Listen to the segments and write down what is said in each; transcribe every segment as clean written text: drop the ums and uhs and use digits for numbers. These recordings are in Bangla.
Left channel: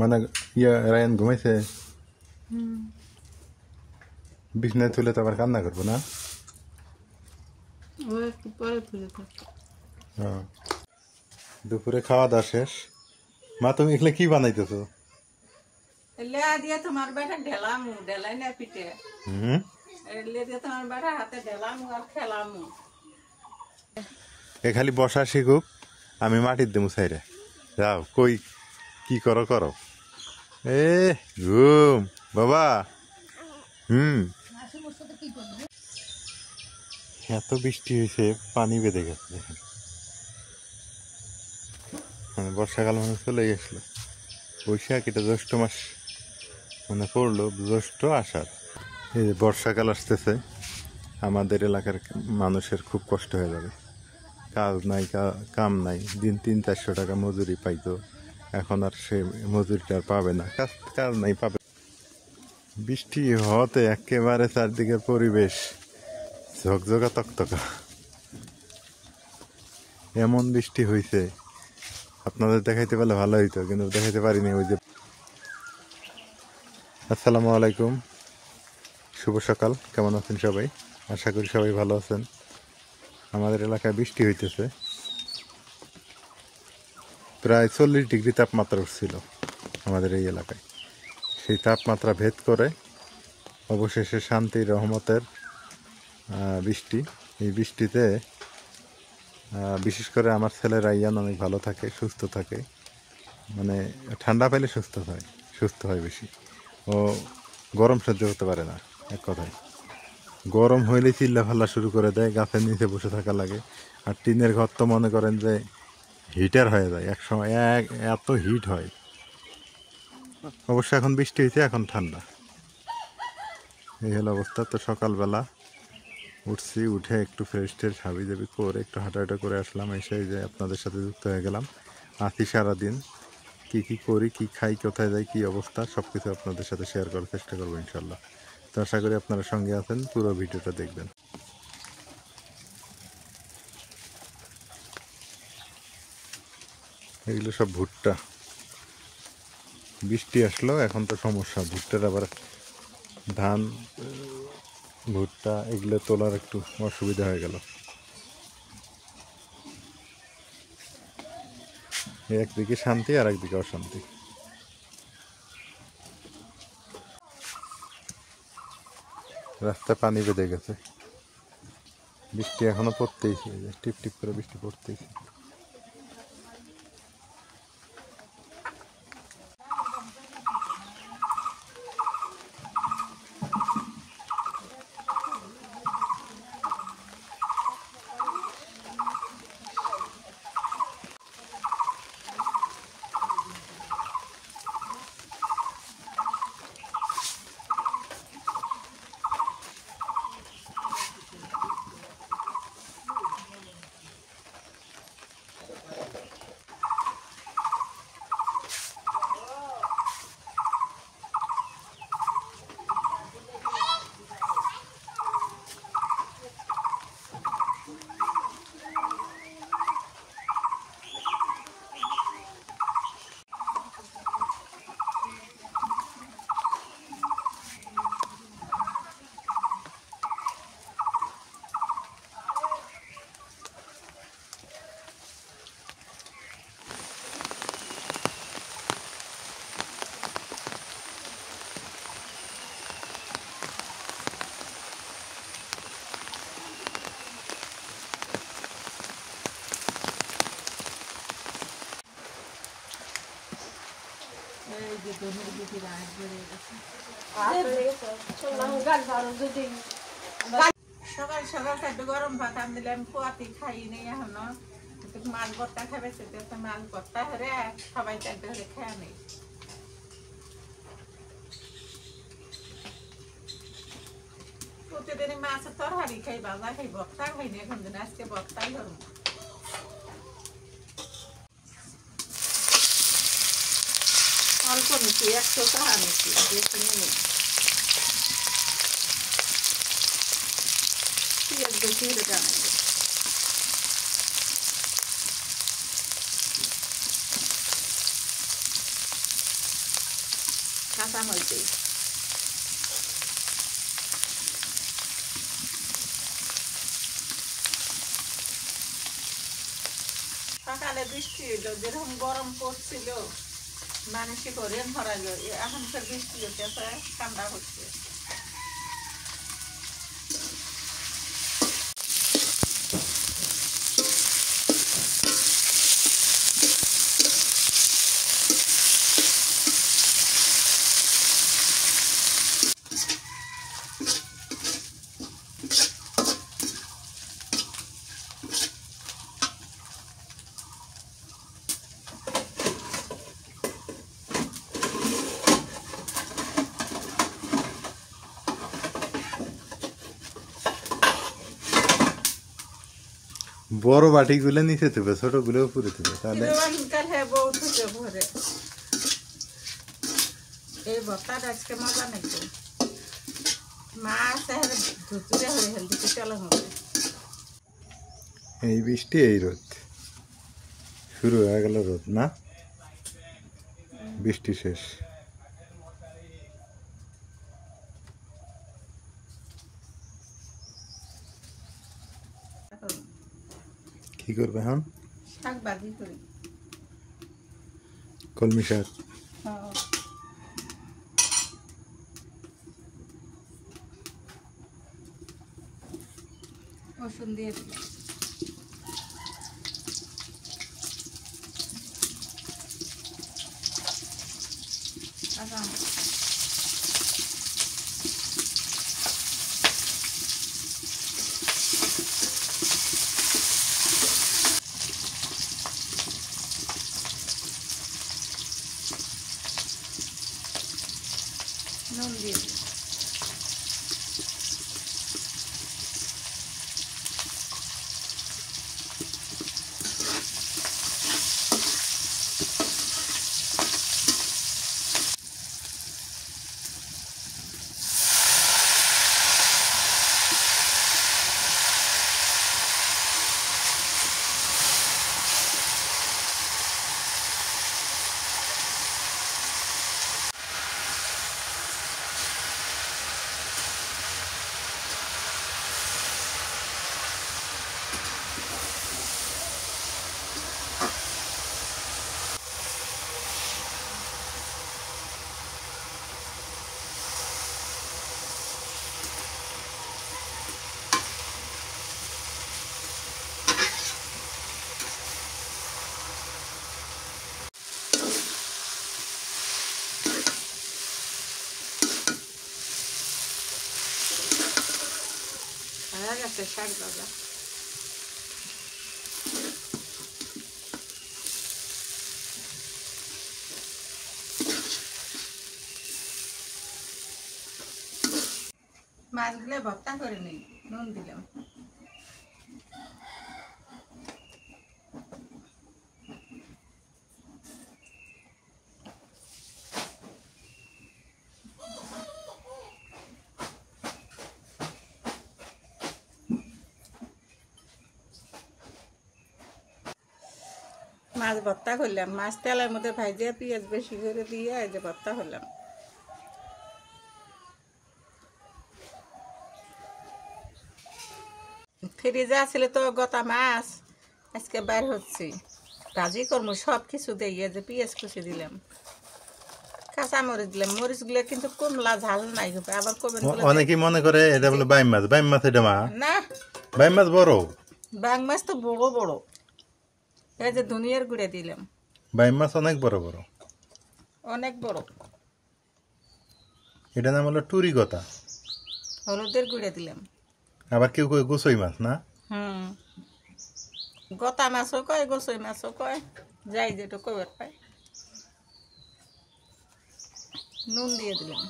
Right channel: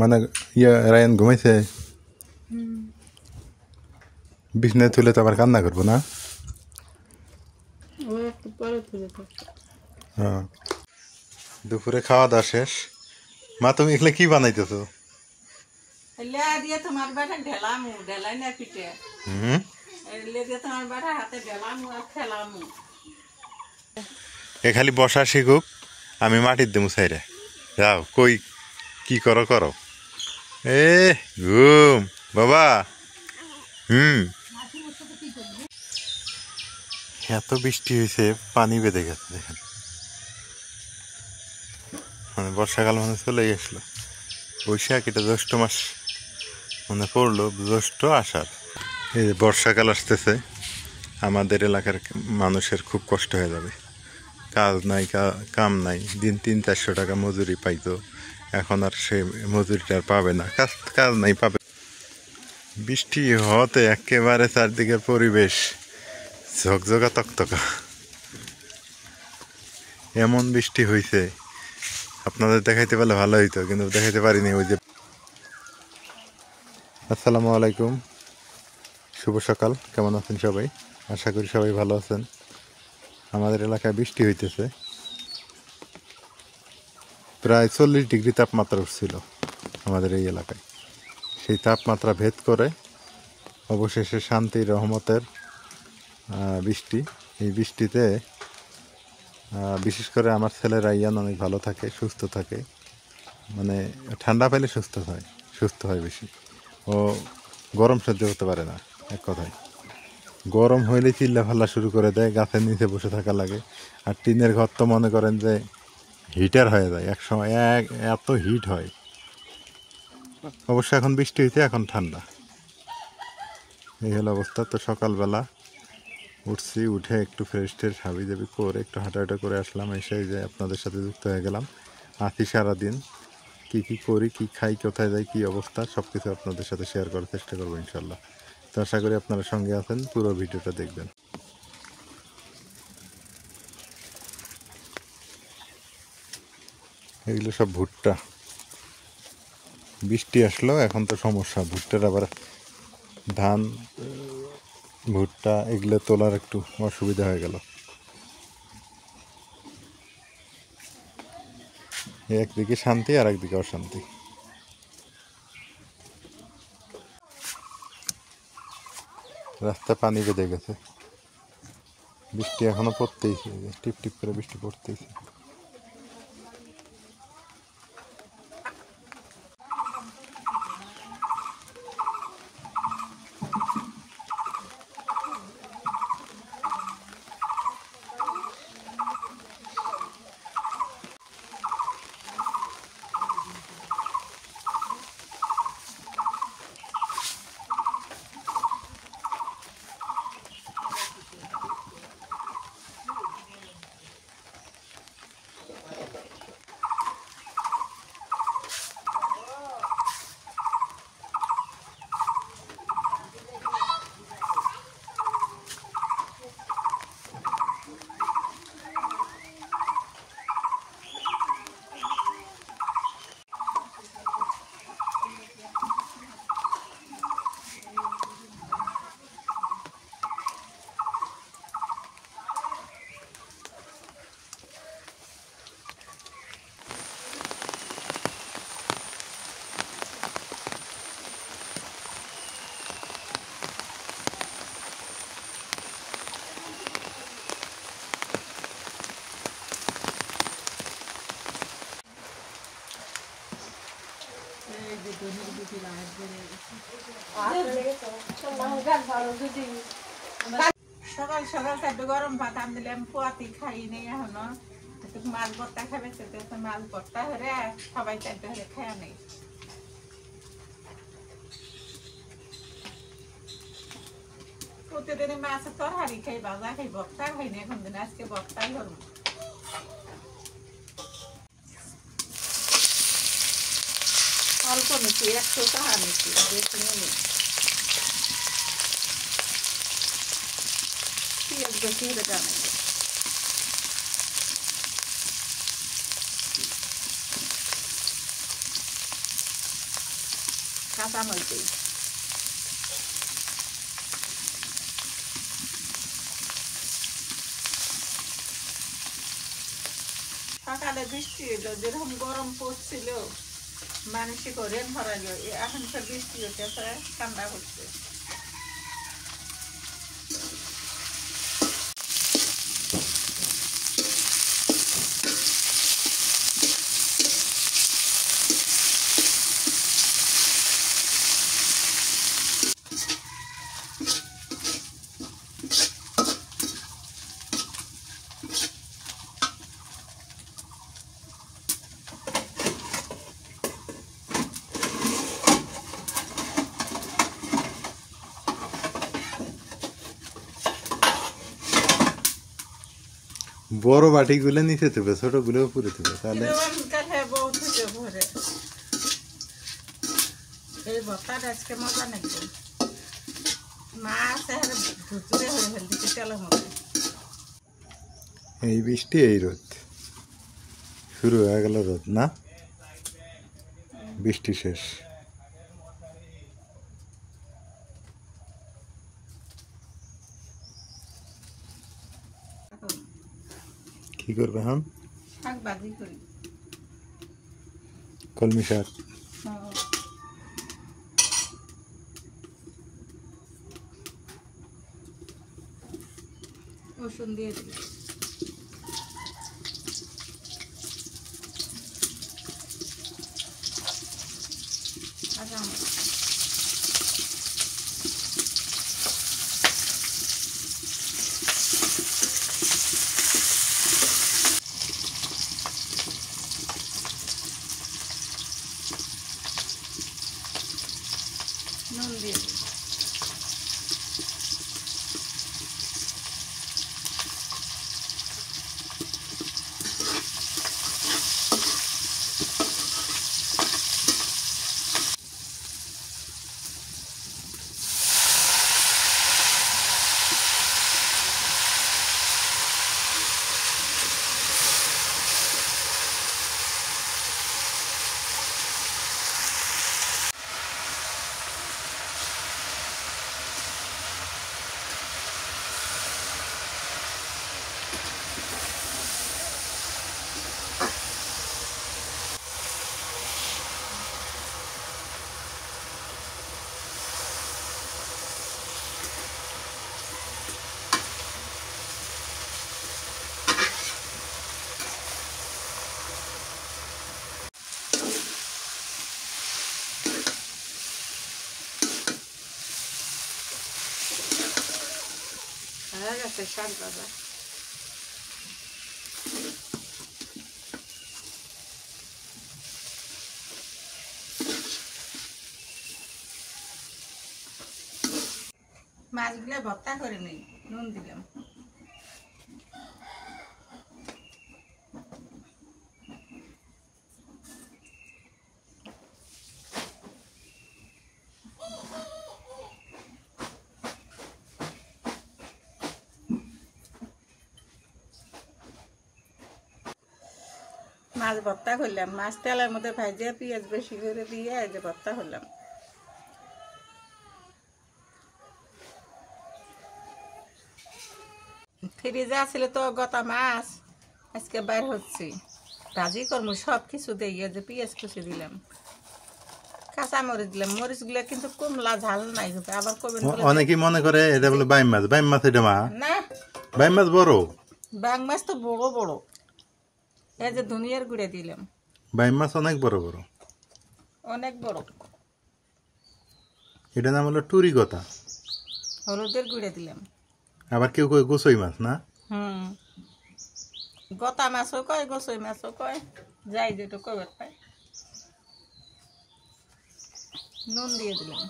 মানে ইয়া রায়ান ঘুমাইছে বিছনায় তুলে তো আবার কান্না করবো না। হ্যাঁ দুপুরে খাওয়া দাওয়া শেষ। মা তুমি এগুলো কি বানাইতেছো? তোমার বেটা ঢেলামু ঢেলাই না পিঠে তোমার বেটা হাতে ঢেলামু আর খেলামু। এ খালি বসা শিখুক, আমি মাটির দেবো সাইরে। যাও কই কি করো করো। এ ঘুম বাবা। এত বৃষ্টি হয়েছে পানি বেঁধে গেছে দেখেন, মানে বর্ষাকাল মানে চলে গেছিলো। বৈশাখ এটা জ্যৈষ্ঠ মাস মানে পড়লো, জ্যৈষ্ঠ আষাঢ়। এই যে বর্ষাকাল আসতেছে, আমাদের এলাকার মানুষের খুব কষ্ট হয়ে যাবে। কাজ নাই, কাম নাই, দিন 300-400 টাকা মজুরি পাইতো, এখন আর সে মজুরিটা আর পাবে না। কাজ নাই পাবে। বৃষ্টি হতে একেবারে চারদিকের পরিবেশ ঝকঝকা তকতকা। এমন বৃষ্টি হয়েছে আপনাদের দেখাইতে পারলে ভালো হইতো, কিন্তু দেখাইতে পারিনি। ওই যে আসসালামু আলাইকুম, শুভ সকাল। কেমন আছেন সবাই? আশা করি সবাই ভালো আছেন। আমাদের এলাকায় বৃষ্টি হইতেছে, প্রায় 40 ডিগ্রি তাপমাত্রা উঠছিল আমাদের এই এলাকায়। সেই তাপমাত্রা ভেদ করে অবশেষে শান্তি রহমতের বৃষ্টি। এই বৃষ্টিতে বিশেষ করে আমার ছেলে রাইয়ান অনেক ভালো থাকে, সুস্থ থাকে। মানে ঠান্ডা পেলে সুস্থ হয় বেশি। ও গরম সহ্য করতে পারে না, এক কথায়। গরম হইলে চিল্লা ফাল্লা শুরু করে দেয়, গাছের নিচে বসে থাকা লাগে। আর টিনের ঘর তো মনে করেন যে হিটার হয়ে যায় এক সময়, এত হিট হয়। অবশ্য এখন বৃষ্টি হয়েছে, এখন ঠান্ডা। এই হলো অবস্থা। তো সকালবেলা উঠছি, উঠে একটু ফ্রেশ ট্রেশ হাবি জাবি করে একটু হাঁটাহাঁটা করে আসলাম। এসে যে আপনাদের সাথে যুক্ত হয়ে গেলাম। আছি সারাদিন, কী করি, কী খাই, কোথায় যাই, কী অবস্থা, সব কিছু আপনাদের সাথে শেয়ার করার চেষ্টা করবো ইনশাল্লাহ। তো আশা করি আপনারা সঙ্গে আছেন, পুরো ভিডিওটা দেখবেন। এইগুলো সব ভুট্টা। বৃষ্টি আসলো এখন তো সমস্যা, ভুট্টার আবার ধান ভুট্টা এগুলো তোলার একটু অসুবিধা হয়ে গেল। একদিকে শান্তি আর একদিকে অশান্তি। রাস্তায় পানি বেঁধে গেছে, বৃষ্টি এখনো পড়তেইছে, টিপ টিপ করে বৃষ্টি পড়তেইছে। সকাল সকাল একটু গরম ভাত আন দিলাম, পোয়াতি খাই নেই এখনো। মাছ ভর্তা খাবে, মাছ ভর্তা হরে সবাই চারটে হলে খেয়া নেই। প্রতিদিন মাছের তরকারি খাই, বাজা খাই, ভর্তা খাই না এখন দিন। আজকে ভর্তাই হল। অল্প নিচ্ছি, 100 টাকা নিচ্ছি, বেশি নেই। পেঁয়াজ বেশি হলে জানাই। কাঁচামরিচ দিই। সকালে বৃষ্টি হইলো, যেরকম গরম পড়ছিল মানুষই করে ভরাইলো, এখন তো বৃষ্টি হতেছে, ঠান্ডা হচ্ছে। বড় বাটিগুলো নিচে দেবে, ছোটগুলো উপরে দেবে, তাহলে বহুত হচ্ছে ভরে। এই ভর্তাটা আজকে মজা নেই, মাছ ধুতুরে হয়ে ফেলতে তেলের মধ্যে। এই বৃষ্টি এই রোদ শুরু হয়ে গেল, রোদ না বৃষ্টি শেষ। কি করবে এখন? শাক ভাজি করি। কলমি শাক। রসুন দিয়ে দিই। নুন দিয়ে দিই। হয়ে গেছে শাক ভাজা। মাছগুলো ভর্তা করে নিই, নুন দিলাম। মাছ ভর্তা করলাম, মাছ তেলের মধ্যে ভাজিয়ে পেঁয়াজ বেশি করে দিয়ে এই যে ভর্তা করলাম। ফ্রিজে আসলে তো গোটা মাছ আজকে বাইর হচ্ছে, ভাজি করবো সব কিছু দিয়ে, যে পেঁয়াজ কুচি দিলাম, কাঁচা মরিচ দিলাম। মরিচগুলো কিন্তু কমলা ঝাল নাই, আবার কবেন অনেকেই মনে করে এটা বলে বাইম মাছ। বাইম মাছ এটা মা না, বাইম মাছ বড়, বাং মাছ তো বড় বড়। এই যে ধনিয়ার গুঁড়ে দিলাম। বাইম মাছ অনেক বড় বড়, অনেক বড়। এটা নাম হলো টুরি গতা। হলুদের গুঁড়ে দিলাম। আবার কেউ কয় গোসই মাছ না। গতা মাছও কয়, গোসই মাছও কয়, যাই যেটা কবে পায়। নুন দিয়ে দিলাম।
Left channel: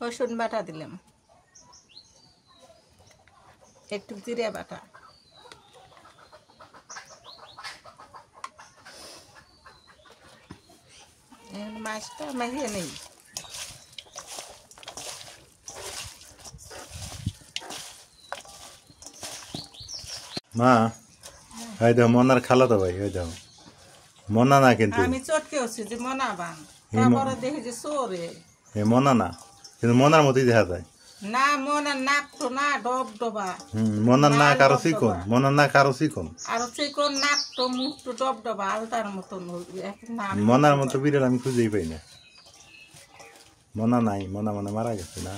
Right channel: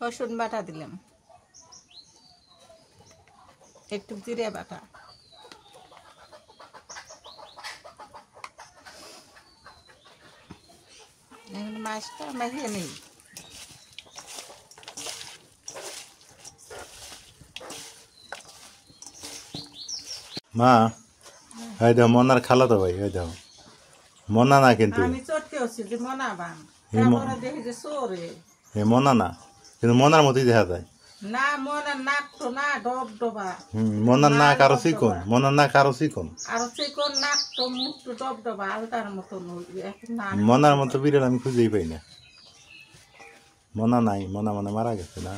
রসুন বাটা দিলাম, একটু জিরে বাটা, মাছটা মাখিয়ে নেই। মা এই দেখো মনার খালা তো ভাই ওই দেখো মনা না কিন্তু আমি চটকে হচ্ছি যে মনা বাং এই ম- তারপরে দেখি যে চোরে এ মনা না কিন্তু মনার মতোই দেখা যায় না মনে নাক তো না ডব ডবা মনার না কারো চিকন মনার না কারো চিকন আর চিকন নাক তো মুখ তো ডব ডবা আলতার মতো না মনার মতো বিড়াল আমি খুঁজেই পাই না মনা নাই মনা মানে মারা গেছে না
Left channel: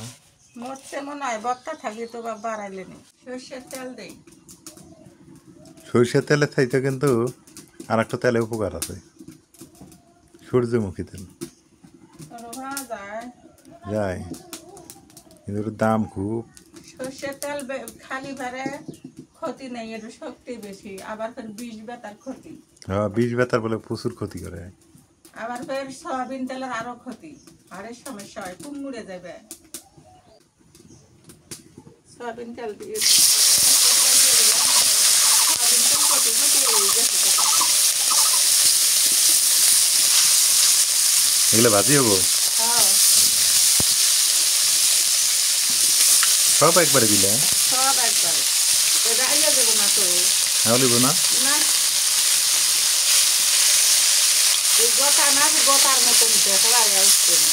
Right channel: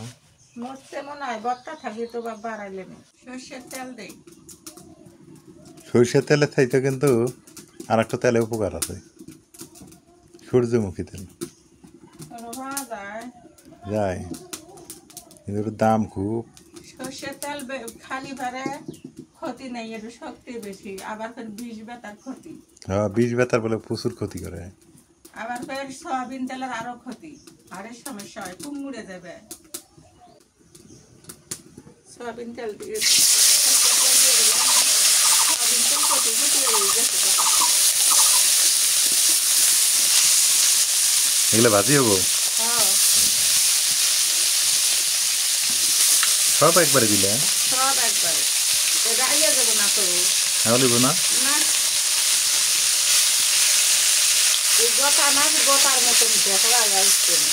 মরছে মনে হয় বক্তা থাকি তো বা বাড়াইলে নি সর্ষের তেল দেই সরিষার তেলের চাইতে কিন্তু আর একটা তেলে উপকার আছে সূর্যমুখী তেল যায় যায় কিন্তু ওর দাম খুব সর্ষের তেল খালি ভারে ক্ষতি নেই একটু শক্তি বেশি আবার ফের বিষ বেতার ক্ষতি হ্যাঁ বিষ বেতার বলে প্রচুর ক্ষতি করে আবার ফের সয়াবিন তেলের আরো ক্ষতি আরে সমস্যা হয় কুমড়ে যাবে সয়াবিন তেল দিয়ে সয়াবিন তেল ক্ষতি ক্ষতি হয়ে গেছে এগুলো ভাজি হবো হ্যাঁ সব একবারে দিলে সব একবারে এটা আইয়া যাবো না তো হলিব না না এই গোটা মাছ গোটার মতন দেখা যাচ্ছে না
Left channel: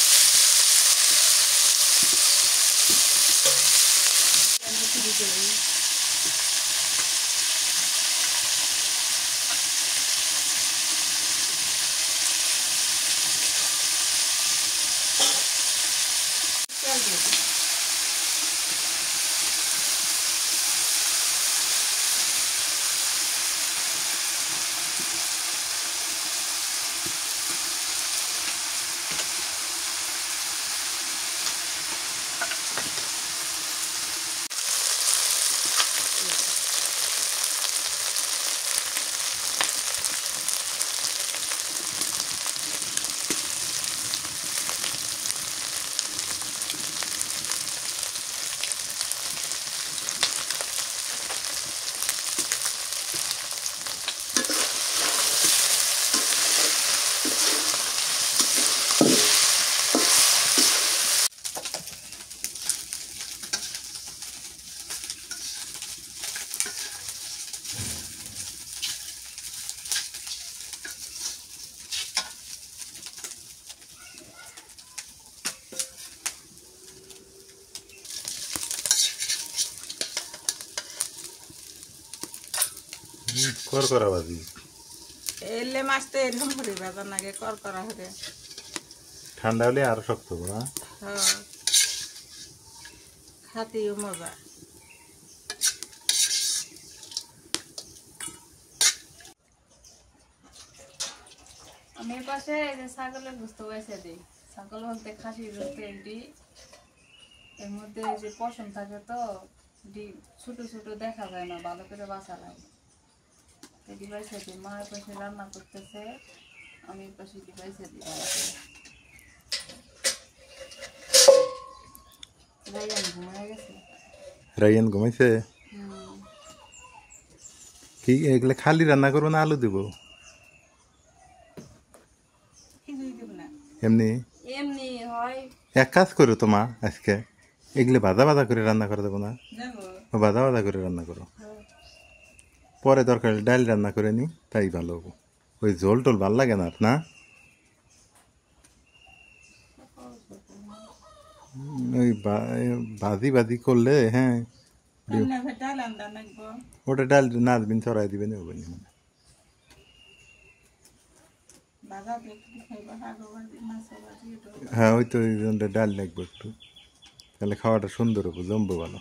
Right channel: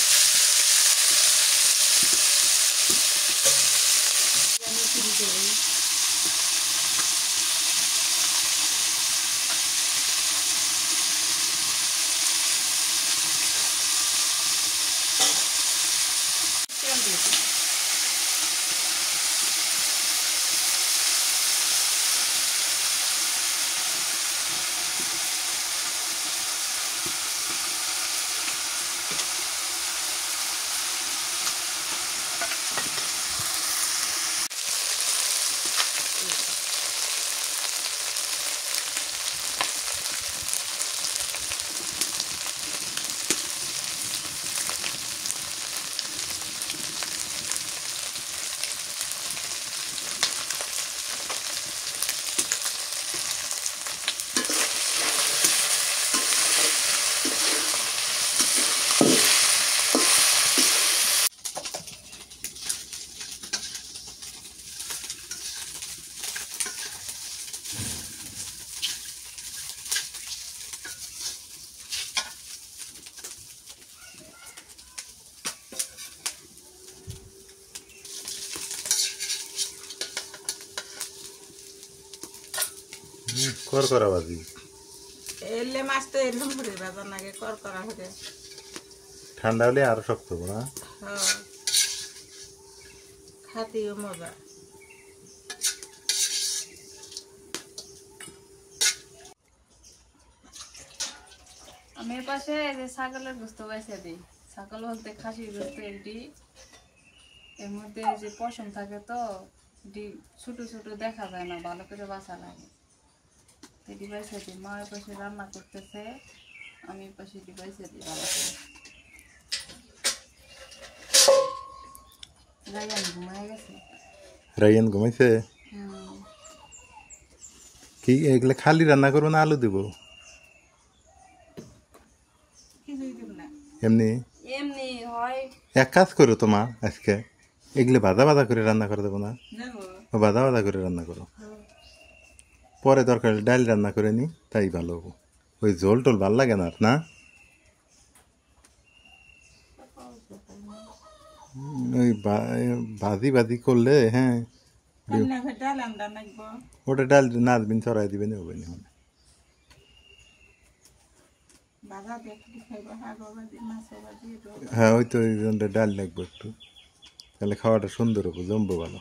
তেল দিয়ে দিই। করা ভাজি এলে মাছ তো এরকম হয়ে বেজার নাগে করা হয়ে ঠান্ডা হলে আরো শক্ত হবো না হ্যাঁ খাতেও মজা আমি এর পাশে এই যে ছাগলের গোস্ত বেছে দিই ছাগল বলতে খাসির গোস্ত একটি এর মধ্যে এই যে পশম থাকে তো ছোট ছোট দেখা যায় না ভালো করে বাঁচা লাগে এটি বেছে দিই মা এর পাশে রান্না করতেছে আমি এর পাশে এটি বেছে দিই ভালো করে রায়ান ঘুমায় গেছে রাইয়ান ঘুমাইছে হুম কি এগুলো খালি রান্না করবো না আলু দিব কিছুই দিব না এমনি এমনি হয় এক কাজ করো তো মা আজকে এগুলো ভাজা ভাজা করে রান্না করে দেবো না নেবো ও ভাজা ভাজা করে রান্না করো পরে দরকার হলে ডাল রান্না করে নি তাই ভালো হবো ওই ঝোল টোল ভাল লাগে না আর না ওই ভাজি ভাজি করলে হ্যাঁ ডাল আন্দা নাকবো ওটা ডাল নাচবিন চড়াই দিবেন হবে না মানে বাজা দিয়ে কি খাইবা শাক ভাজি মাছ ভাজি এটা হ্যাঁ ওই তো ওই জন্য ডাল লাগবে একটু তাহলে খাওয়াটা সুন্দর হবো জমবো ভালো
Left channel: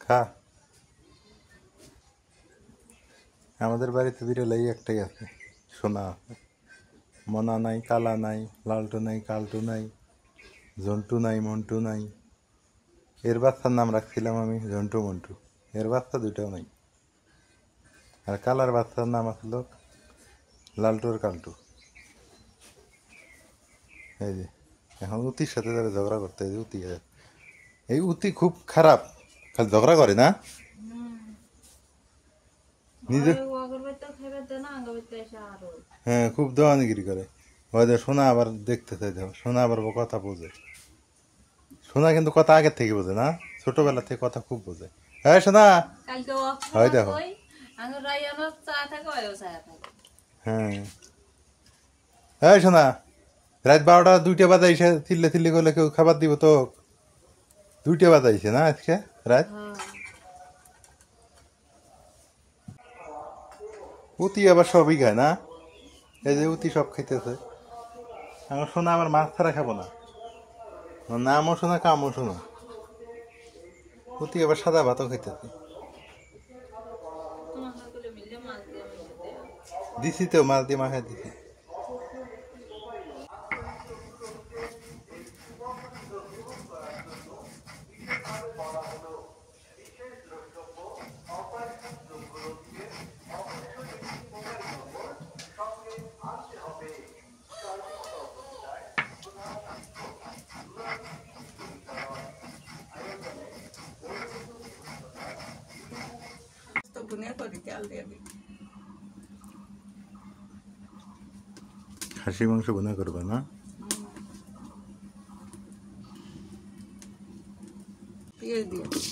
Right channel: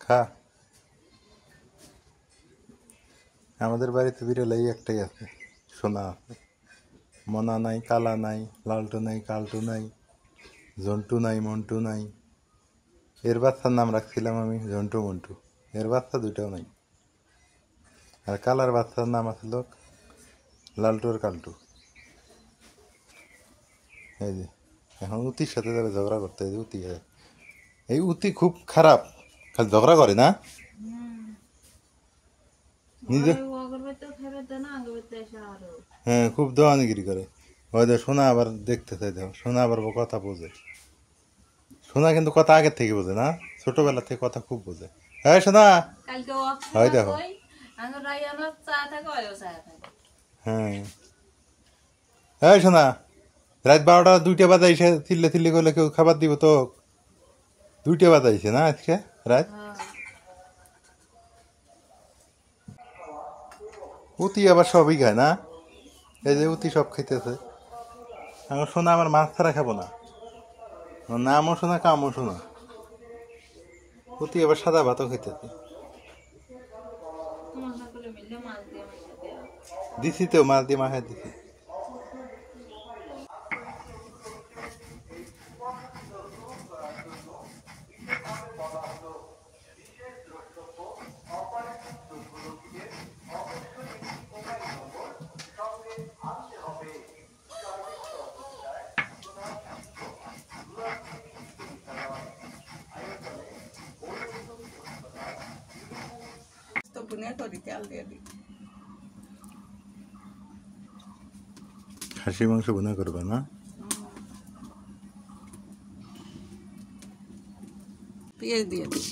খা আমাদের বাড়িতে বিড়াল এই একটাই আছে সোনা আছে মনা নাই কালা নাই লালটু নাই কালটু নাই জন্টু নাই মন্টু নাই এর বাচ্চার নাম রাখছিলাম আমি জন্টু মন্টু এর বাচ্চা দুইটাও নাই। আর কালার বাচ্চার নাম আছিল লালটু আর কালটু। এই যে এখন উতির সাথে যাবে ঝগড়া করতে। এই যে উতি, এই উতি খুব খারাপ, খালি ঝগড়া করে না নিজে। হ্যাঁ, খুব দেওয়ানিগিরি করে। হয়তো সোনা আবার দেখতে চাই, দেখো সোনা আবার কথা বোঝে। সোনা কিন্তু কথা আগের থেকে বোঝে না, ছোটবেলা থেকে কথা খুব বোঝে। হ্যাঁ সোনা, হয় দেখো। হ্যাঁ, হ্যাঁ সোনা, রাত 12টা 2টা বাজাইছে, চিল্লে চিল্লি করলে কেউ খাবার দিব তো? 2টা বাজাইছে না আজকে রাত। উতি আবার সবই খায় না, এই যে উতি সব খাইতেছে। আমার সোনা আমার মাছ ছাড়া খাবো না, নামও শোনা কামও শোনা। উতি আবার সাদা ভাতও খাইতেছে। দিছি তো মাছ দিয়ে মাখাই দিছি। তো বুনে করি তেল দিয়ে দিই। খাসি মাংস বোনা করবে না? পেঁয়াজ দিয়ে দিই।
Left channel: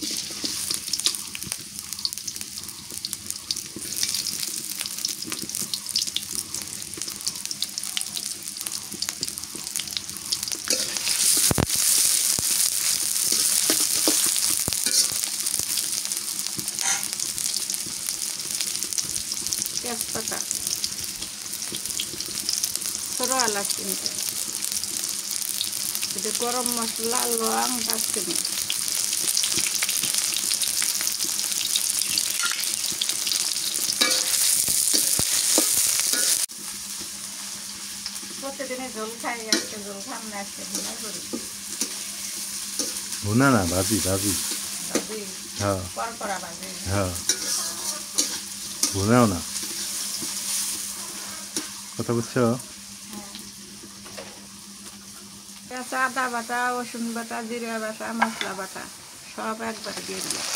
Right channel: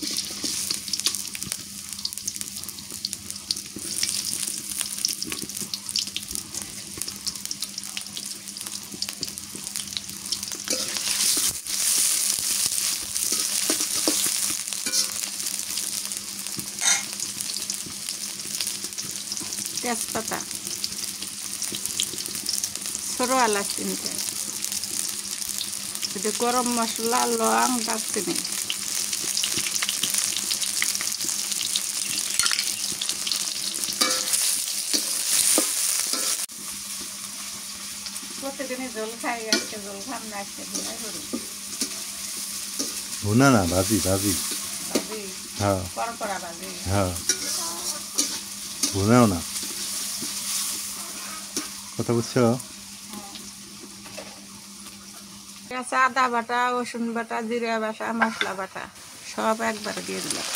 তেজপাতা, ছোট এলাচ তিনটে, একটু গরম মশলা, লং, দারচিনি, প্রতিদিনে জল খাই, আজকে জল খাম না, আজকে ভুনাই করি। ভুনা না, ভাজি ভাজি। ভাজি, হ্যাঁ কড়কড়া ভাজি। হ্যাঁ, ভুনাও না। কথা বুঝছো? কাঁচা আদা বাটা, রসুন বাটা, জিরা বাটা, মশলা বাটা সব একবারে দিয়ে দিলাম।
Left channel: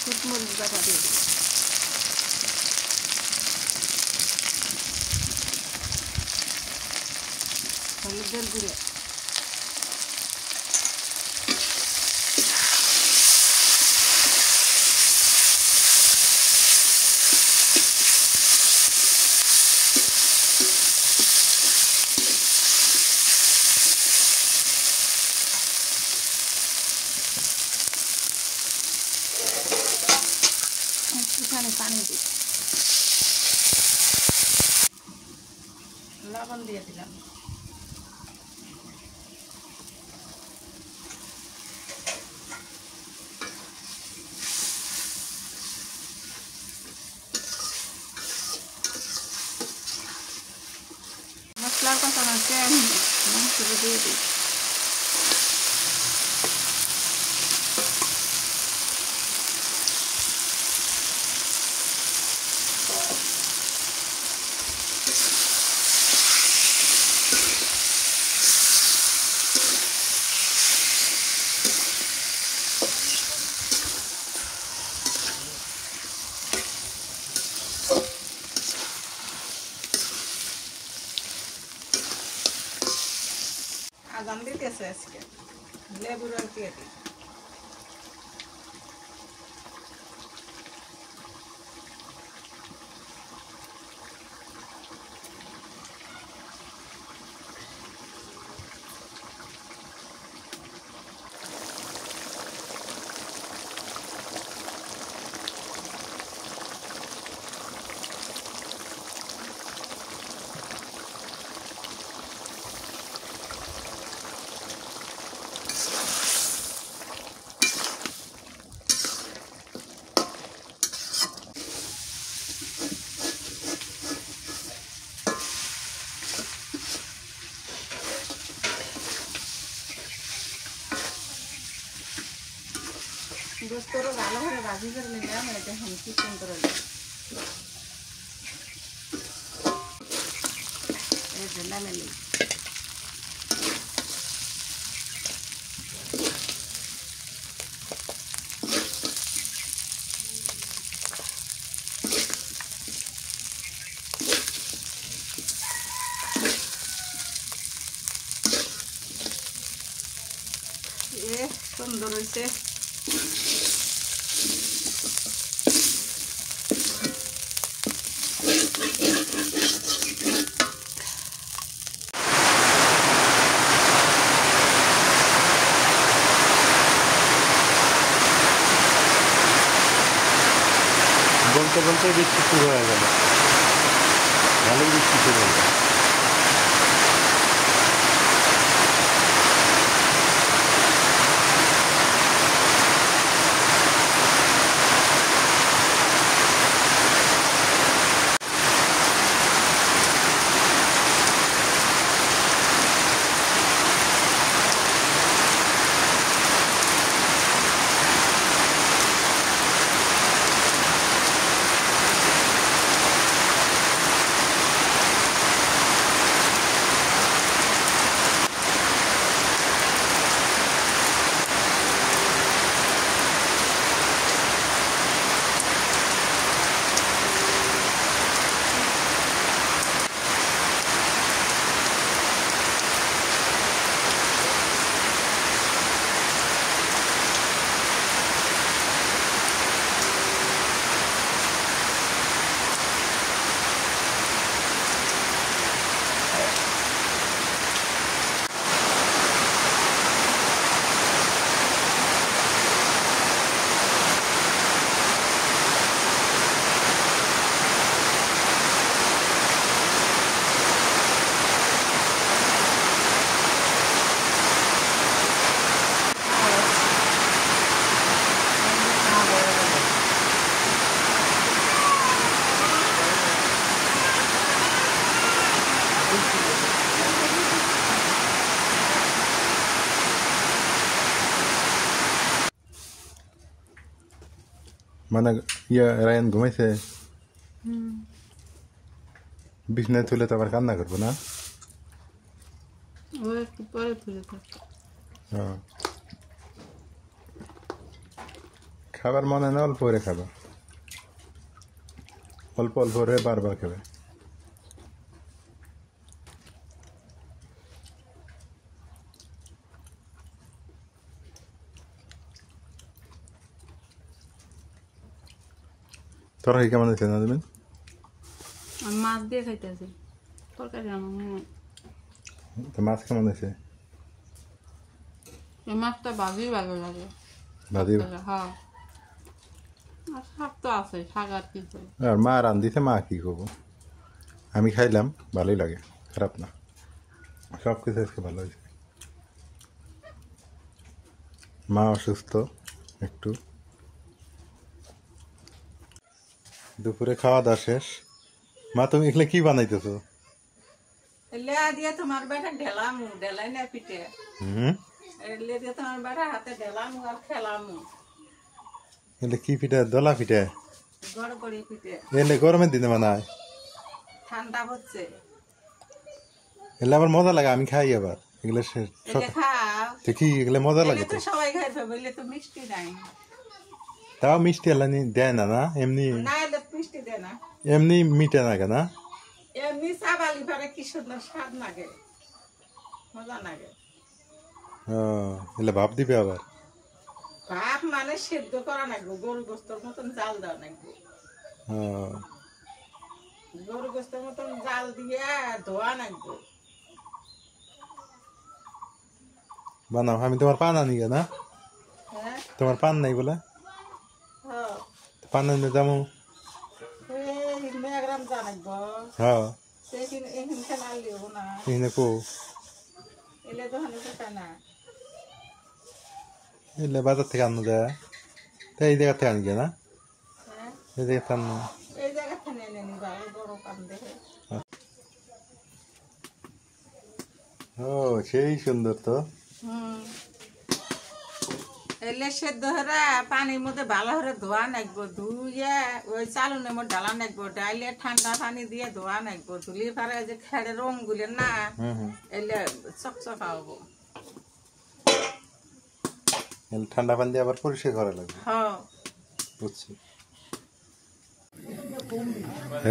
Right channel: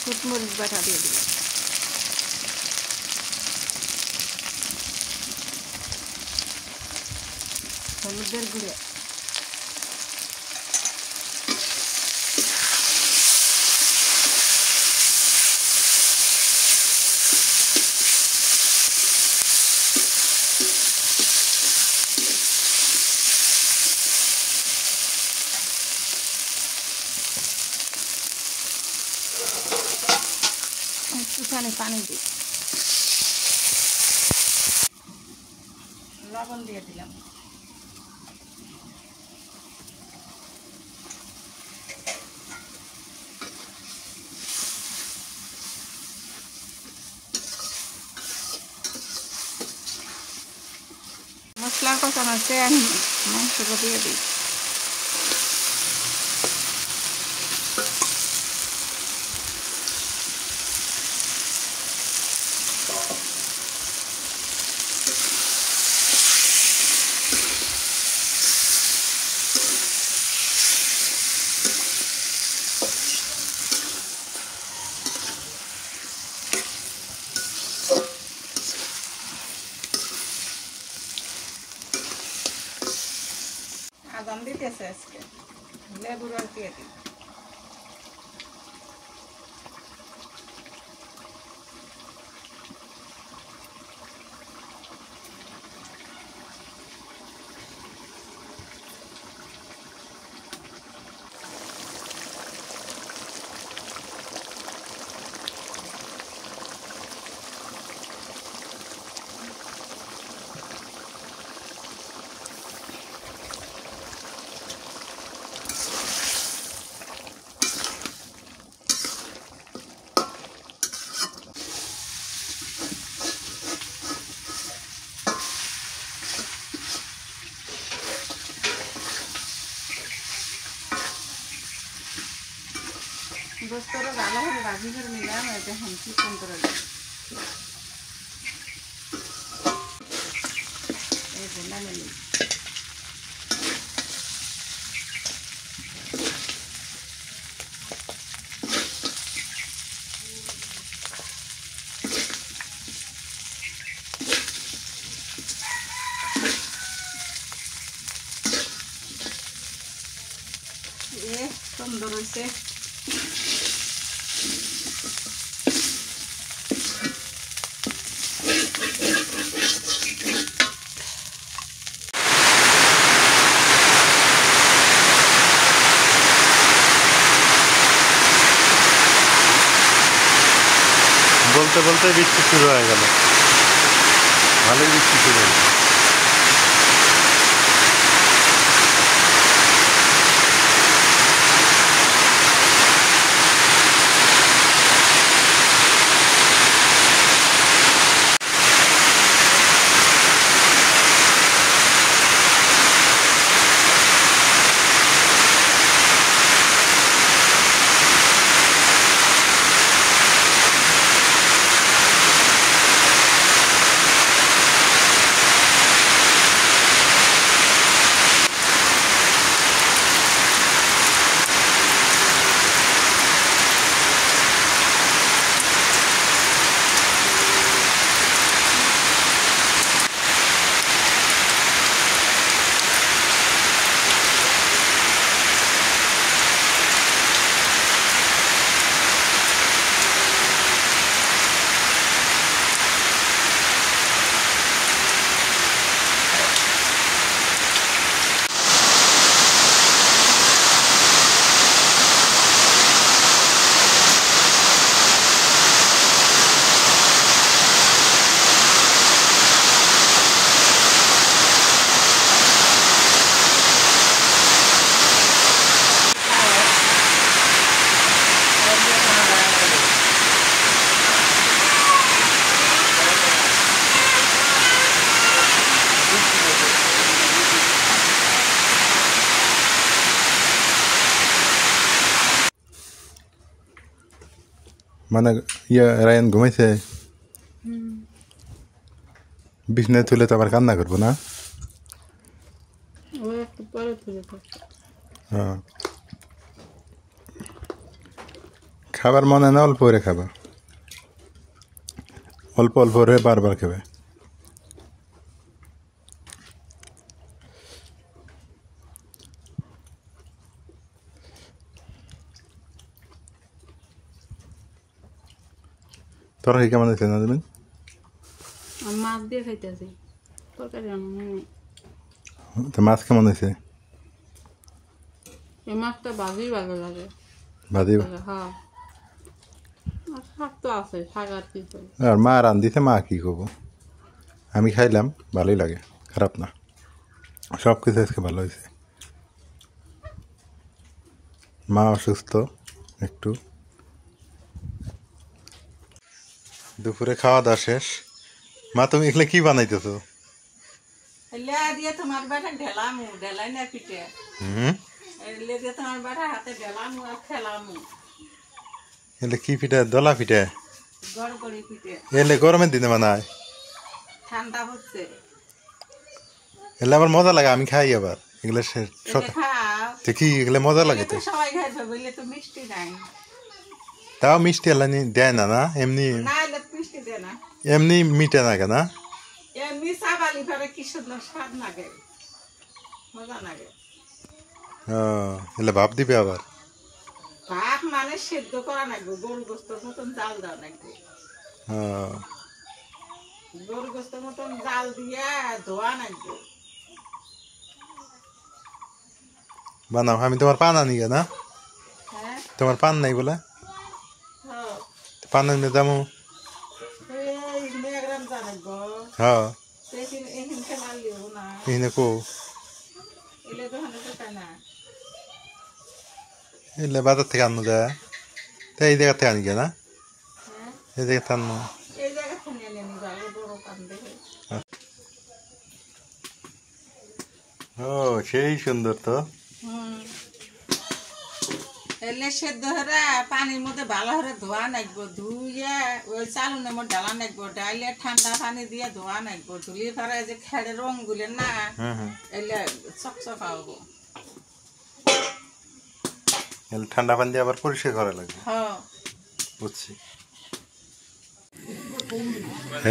শুকমরিচ বাটা দিয়ে দিলাম। হলুদের গুঁড়ো, একটুখানি পানি দিই, লবণ দিয়ে দিলাম। মশলা কষানো তেল মাংসটা দিয়ে দিই। আদান দিতেছে আজকে, লেবুর রস দিয়ে দিই। গোস্তটা ভালো করে ভাজি করে নিলাম, এটা এখন চিকেন করে দিই। এই যে নামে নিই। সুন্দর হয়েছে। বলতে বলতে বৃষ্টি শুরু হয়ে গেল, ভালোই বৃষ্টি শুরু হলো। মানে রায়ান ঘুমাইছে, বিছনায় তুলে তো আবার কান্না করবো না। হ্যাঁ, খাবার মনে না, অল্প করে খাবা, অল্প অল্প করে বারবার খাবে। তরকারি কেমন হয়েছে না দেবেন? মাছ দিয়ে খাইতেছি, তরকারি রান্না। তো মাছ কেমন হয়েছে? এই মাছটা ভাজি ভালো লাগে। ভাজি? হ্যাঁ, আর শাক তো আছে, শাক আর কি। আর মা রান্ধিতে মা কি করবো, আমি খাইলাম, ভালোই লাগে, খারাপ না, সব কিছু আজকে ভালো হয়েছে। মা অসুস্থ একটু। দুপুরে খাওয়া দাওয়া শেষ। মা তুমি এগুলো কি বানাইতেছো? লেয়া দিয়ে তোমার বেটা ঢেলামু, ঢেলাই না পিঠে। এলে দিয়ে তোমার বেটা হাতে ঢেলামু আর খেলামু। এলে কি পিঠা? দলা পিঠা? গড়গড়ি পিঠে। এলে গরমের দিনে বানায়? ঠান্ডা হচ্ছে। এলে আবার মজা লাগে, আমি খাই আবার এগুলো। খাও কি এগুলো মজা লাগে তো? সবাই খাইছো বললে তো মিষ্টি নাই। তাও মিষ্টি এলা দেয় না, না এমনি? না এলে মিষ্টি দেয় না, এমনি মিটে না কেনা? এমনি চাবালি পরে কি সুন্দর স্বাদ লাগে, মজা লাগে। এলে ভাব দিবে আবার? ভাত মানে সেদ্ধ করা লাগবে, গরু গোস্তের মতন জাল দেওয়া লাগবে। গরু গোস্তের মতন জাল দিয়ে ধোয়া লাগবে। বানাও, আমি তোমার পান আনি না? হ্যাঁ, তোমার পান নাই বলে? পান আনতে যাবো। হ্যাঁ, এখানে কো এলে বাজার থেকে আনো যায়, তাই এই জায়গা থেকে আনি না? এই জায়গা থেকে আনো। ও সেই সুন্দর তো। এলে সেদ্ধ হরে পানির মধ্যে ভালো করে ধোয়া নাকবো, ধুইয়ে ওই চালুনের মধ্যে ডালা নাকবো, ডাইলে ঠান্ডা পানি দিয়ে ধোয়া নাকবো, ধুলি পরে যে খেড়ে রং গুলে না এলে চকচকা হবো। ঠান্ডা পানি দিয়ে আবার পরিষ্কার করা লাগবে। হ্যাঁ বুঝছি।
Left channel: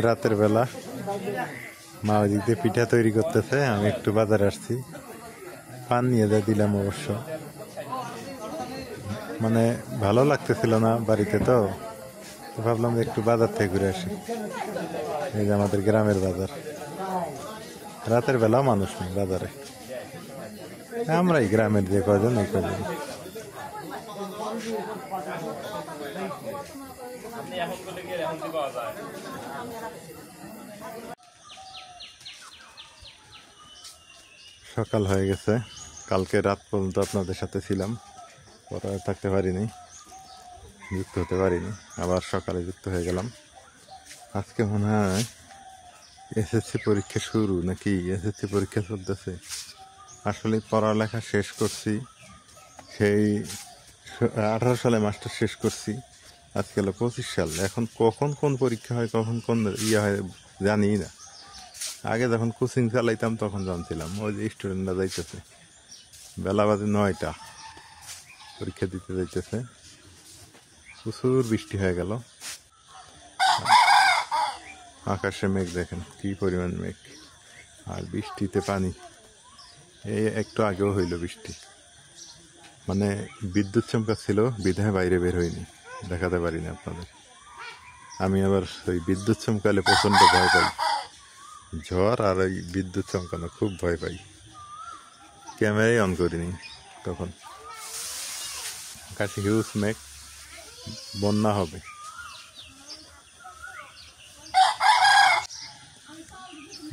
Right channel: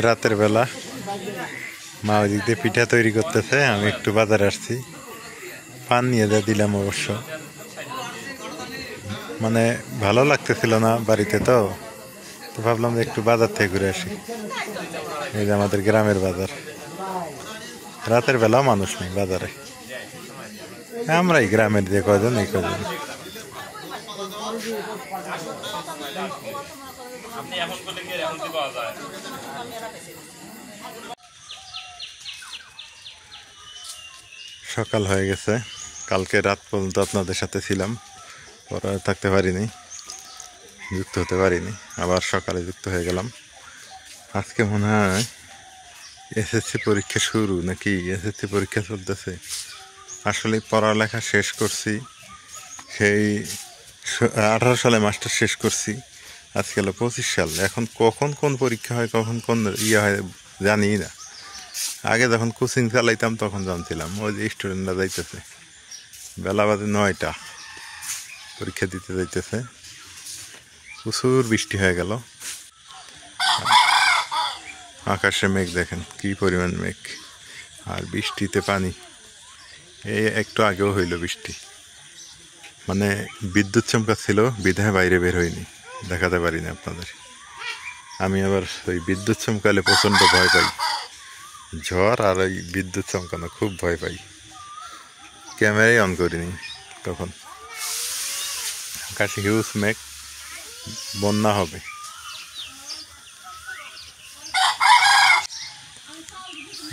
রাতের বেলা মা ওইদিক দিয়ে পিঠা তৈরি করতেছে, আমি একটু বাজারে আসছি, পান নিয়ে যা দিলাম। অবশ্য মানে ভালো লাগতেছিল না বাড়িতে, তো ভাবলাম যে একটু বাজার থেকে ঘুরে আসি। এই যে আমাদের গ্রামের বাজার, রাতের বেলাও মানুষ নেই বাজারে, আমরাই গ্রামের যে কয়জন এই কয়জন। সকাল হয়ে গেছে, কালকে রাত পর্যন্ত আপনাদের সাথে ছিলাম, পরে থাকতে পারিনি, যুক্ত হতে পারিনি, আবার সকালে যুক্ত হয়ে গেলাম। আজকে মনে হয় এসএসসি পরীক্ষা শুরু, নাকি এসএসসি পরীক্ষা চলতেছে। আসলে পড়ালেখা শেষ করছি, সেই 18 সালে মাস্টার শেষ করছি, আজকে হলো 25 সাল। এখন কখন কোন পরীক্ষা হয়, কখন কোন হয় জানি না। আগে যখন কোচিং চালাইতাম তখন জানছিলাম। ওই যে স্টুডেন্টরা যাইতেছে, বেলা বাজে 9টা, পরীক্ষা দিতে যাইতেছে। প্রচুর বৃষ্টি হয়ে গেল, আকাশে মেঘ দেখেন কি পরিমাণ মেঘ, আর বৃষ্টিতে পানি। এই একটু আগেও হইল বৃষ্টি, মানে বিদ্যুৎ চমকা ছিল, বিধায় বাইরে বের হইনি, দেখাতে পারি না আপনাদের। আমি আবার ওই বিদ্যুৎ চমকালে প্রচণ্ড ভয় পাই, ঝড় আর ওই বিদ্যুৎ চমকানো খুব ভয় পাই, ক্যামেরাই অন করিনি তখন। আকাশে হিউজ মেঘ, বন্যা হবে।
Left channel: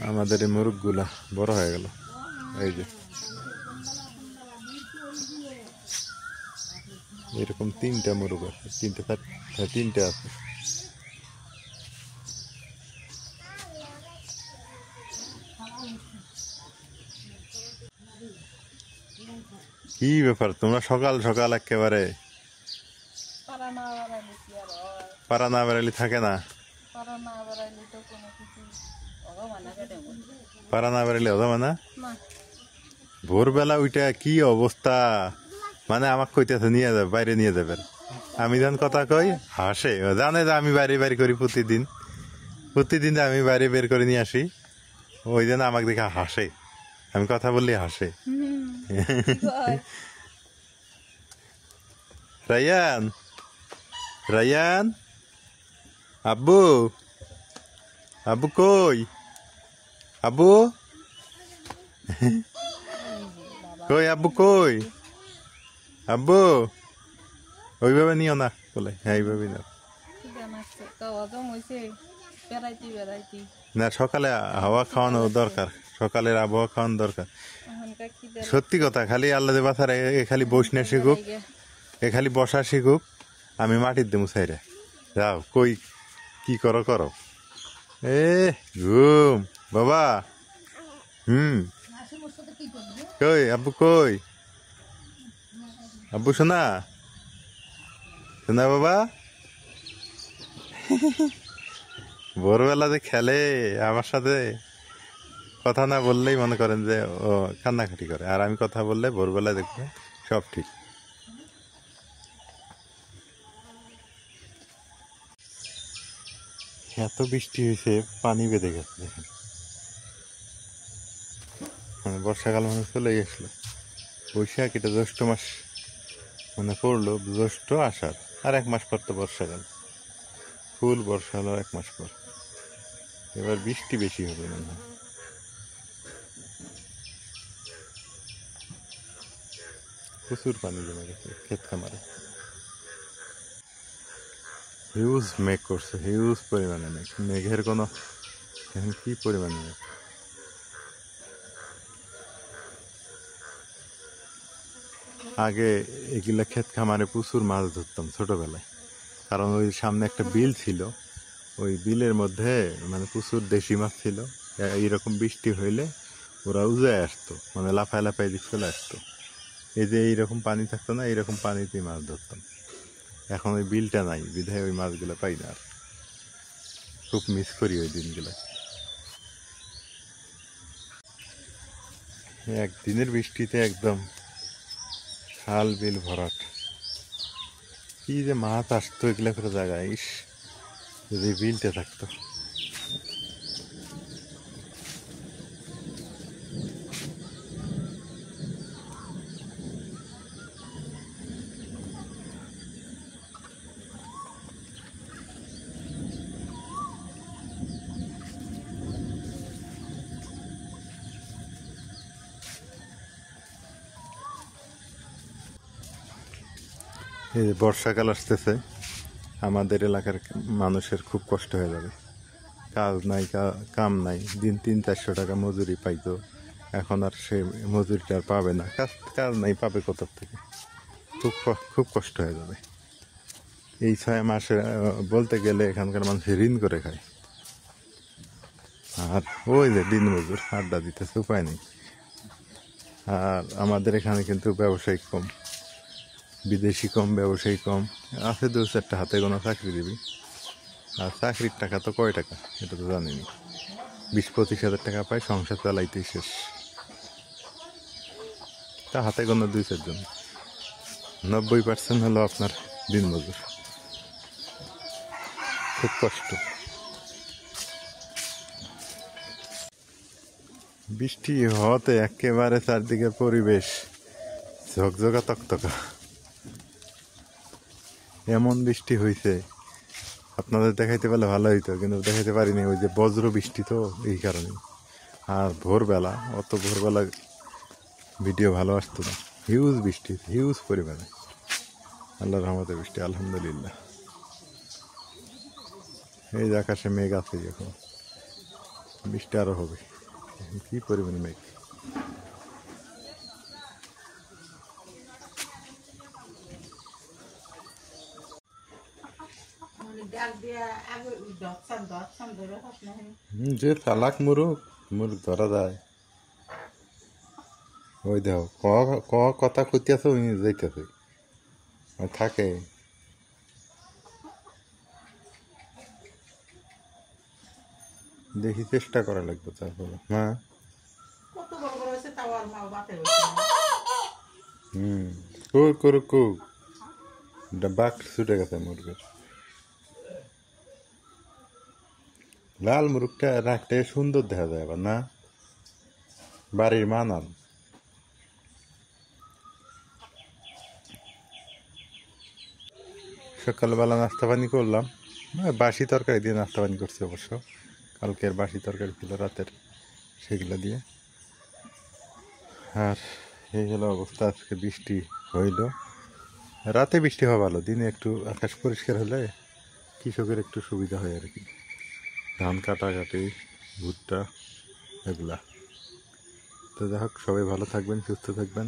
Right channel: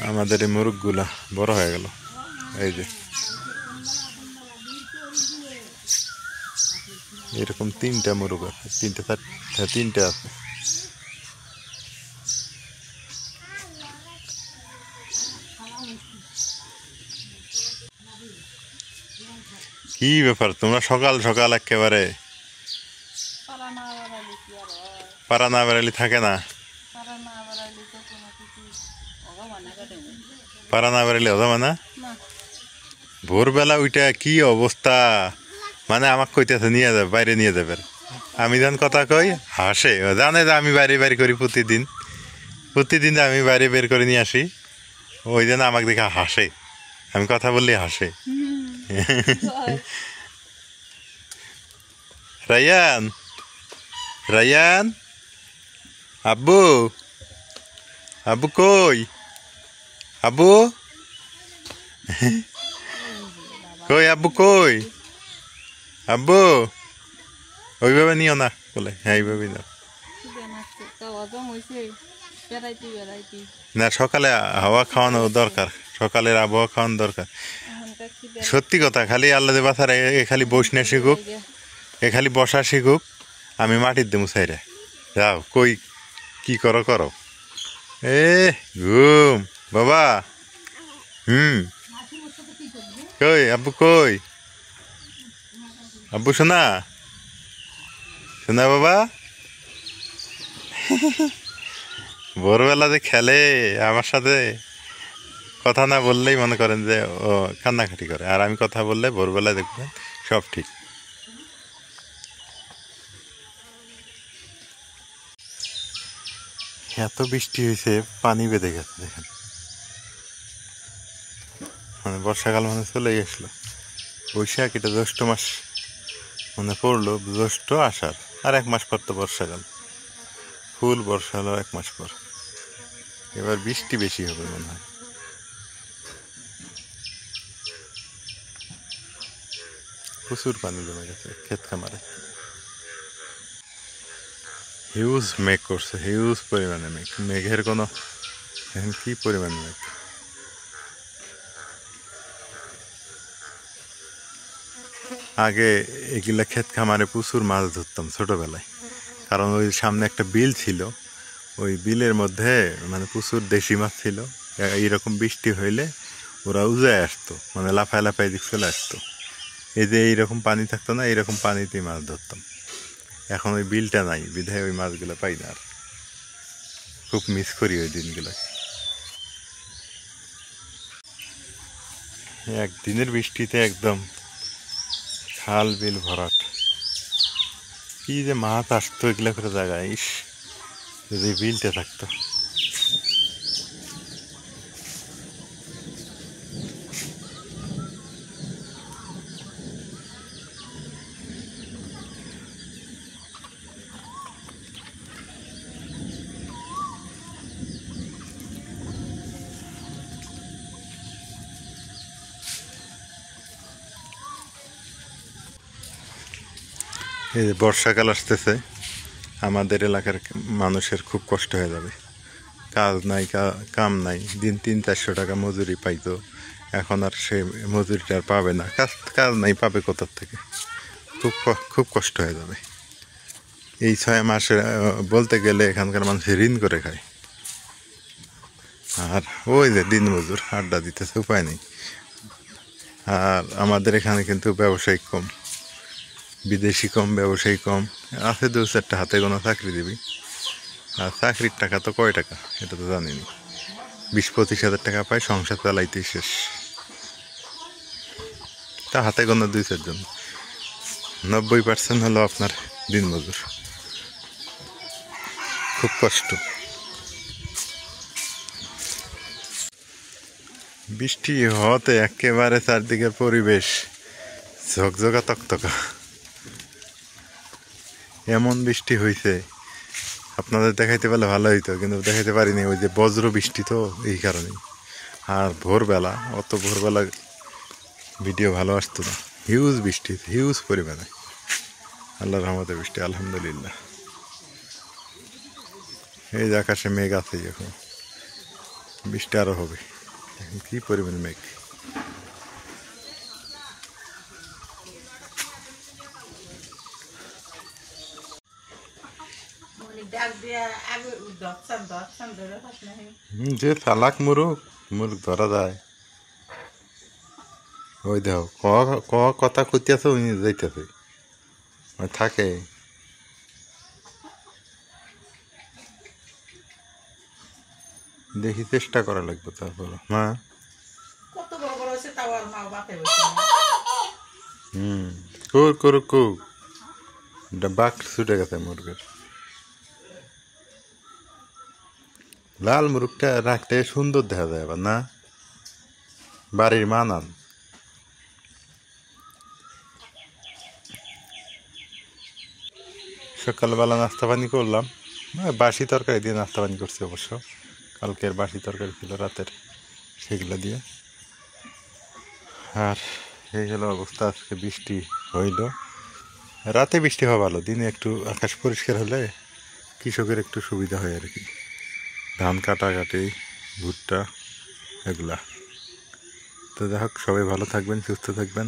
আমাদের এই মুরগগুলা বড় হয়ে গেল, এই যে এরকম 3টা মুরগ আছে, 3টে আছে। কি ব্যাপার, তোমরা সকাল সকাল একেবারে পাড়া না বেড়ালি থাকে না, পাড়া না বেড়ালি হবে না। ভোরবেলা ওইটা কি অবস্থা, মানে আমাকে কইতেছে নিয়ে যাবে, বাইরে নিয়ে যাবে। আমি যখন কথা কই হাসে, জানে যে আমি বাইরে বাইরে করি প্রতিদিন আমি বাইরে বের করে নিয়ে আসি, ওই জন্য আমাকে দেখে হাসে, আমি কথা বললে হাসে। রায়ান, রায়ান, আব্বু, আব্বু কই, আব্বু কই, আব্বু কই, আব্বু। ওইভাবে নিও না বলে, হ্যাঁ এইভাবে নাও না। সকালে হাওয়া খাওয়ানো দরকার, সকালের আবহাওয়া খাওয়ানো দরকার। সত্যি কথা, খালি আল্লাহ বাসার খালি বস না শিখুক, খালি বসা শিখুক, আমি মাটির দেবো সাইরে। যাও কই কি করো করো। এ ঘুম বাবা, কই আব্বু, কই আব্বু, শোনা শোনা বাবা। ভোরবেলা যে খেলে আমার সাথে, কথা না বললেই মনে করেন যে ও কান্নাকাটি করে, আর আমি কথা বললে ভোরবেলা দেখবেন সব ঠিক। এত বৃষ্টি হয়েছে, পানি বেঁধে গেছে দেখেন, মানে বর্ষাকাল মানে চলে আসলো। বৈশাখ, এটা জ্যৈষ্ঠ মাস মানে পড়লো, জ্যৈষ্ঠ আষাঢ়, আর 1 মাস পর তো বর্ষাকাল, ফুল বর্ষা হলো 1 মাস পর। এবার বৃষ্টি বেশি হবে মনে হয়। প্রচুর পানি জমে গেছে ক্ষেত খামারে, হিউজ মেঘ করছে, হিউজ পরিমাণে মেঘ, মেঘের কোনো এখন কি পরিমাণে মেঘ। আগে এগুলা ক্ষেত খামারে প্রচুর মাছ ধরতাম ছোটবেলায়, কারণ ওই সামনে একটা বিল ছিল, ওই বিলের মধ্যে মানে প্রচুর দেশি মাছ ছিল। এইরকম বৃষ্টি হইলে ওরা উজায় আসতো, মানে লাফায় লাফায় দিক চলে আসতো। এই যে এইরকম পানি থাকতো না, এইরকম পানিতেই মাছ ধরতাম। এখন ওই বিলটা নাই, বিধায় ওই মাছগুলো পাই না আর। খুব মিস করি ওই দিনগুলো। একদিনের বৃষ্টিতে একদম খাল বিল ভরাট। কি যে মাছ আসতো এগুলো করে জায়গায়, ইস যদি বিলটা থাকতো। এই যে বর্ষাকাল আসতেছে, আমাদের এলাকার মানুষের খুব কষ্ট হয়ে যাবে। কাজ নাই, কাম নাই, দিন 300-400 টাকা মজুরি পাইতো, এখন আর সে মজুরিটা আর পাবে না। কাজ নাই, পাবে কোথার থেকে? খুব কষ্ট হয়ে যাবে। এই 6 মাসে বলতে গেলে এখানকার মানুষ ঋণ করে খায়। আর ওই যে দিন মজুর আড্ডা দিতেছে, উপায় নেই। আর আমাদের এখানে কিন্তু ব্যবসায়িক কম, বিদেশি কম, ব্যবসায়ী কম। আছে 2-4টা হাতে গোনা চাকরি দিবি, আর চাকরির টাকা তো কয় টাকা এটা তো জানিনি। 20-25 হাজার টাকা পায়, সংসার চালাইতেই শেষ। তা হাতে গোনা 2-4 জন। 90% হলো আপনার দিনমজুর। খুব কষ্ট। বৃষ্টি হওয়াতে একেবারে চারদিকের পরিবেশ ঝকঝকা তকতকা। এমন বৃষ্টি হয়েছে, আপনাদের দেখাইতে পারলে ভালো হইতো, কিন্তু দেখাইতে পারিনি। ওই যে বজ্র বৃষ্টি তো, এই কারণেই। আর ভোরবেলা, অত ভোরবেলা ভিডিও ভালো আসতো না। হিউজ বৃষ্টি, হিউজ পরিমাণে। আল্লাহর রহমতে বৃষ্টি, আলহামদুলিল্লাহ। এই যে আকাশে মেঘ আছে, এখন বৃষ্টি আরও হবে। কি পরিমাণে মেঘ! যে চালাক মুরুখ, মুরুখ ধরা যায়। ওই দেখো কথা খুঁজতেছে, উনি যাইতেছে, থাকে। দেখি, চেষ্টা করা লাগবে তারপর। হ্যাঁ, কত বড় বড় হয়েছে তাও আর মা বাপে বসে না। করুক। বাঘ ছুটে গেছে মুরগের। লাল মুরগটা রাখতে সুন্দর দেখা যায় আবার, না? বাড়ির মানান। সকালবেলা নাস্তা পানি করলাম, বাসি তরকারি দিয়ে নাস্তা পানি করছি অবশ্য। কালকের বাসি তরকারি ছিল রাতের, সেগুলো দিয়ে। আর এই হলো অবস্থা। আজকে বৃষ্টি হইল, রাতে বৃষ্টি হওয়া ভালো, দিনে একটু আকাশ পরিষ্কার হলে কৃষকের একটু সুবিধা হয় আর কি। ধান কাটাকাটি, ভুট্টা, এগুলা। তো যাই হোক, সবাই ভালো থাকবেন, সুস্থ থাকবেন।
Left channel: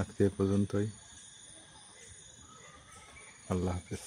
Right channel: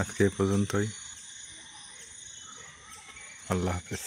আজকে এ পর্যন্তই। আল্লাহ হাফেজ।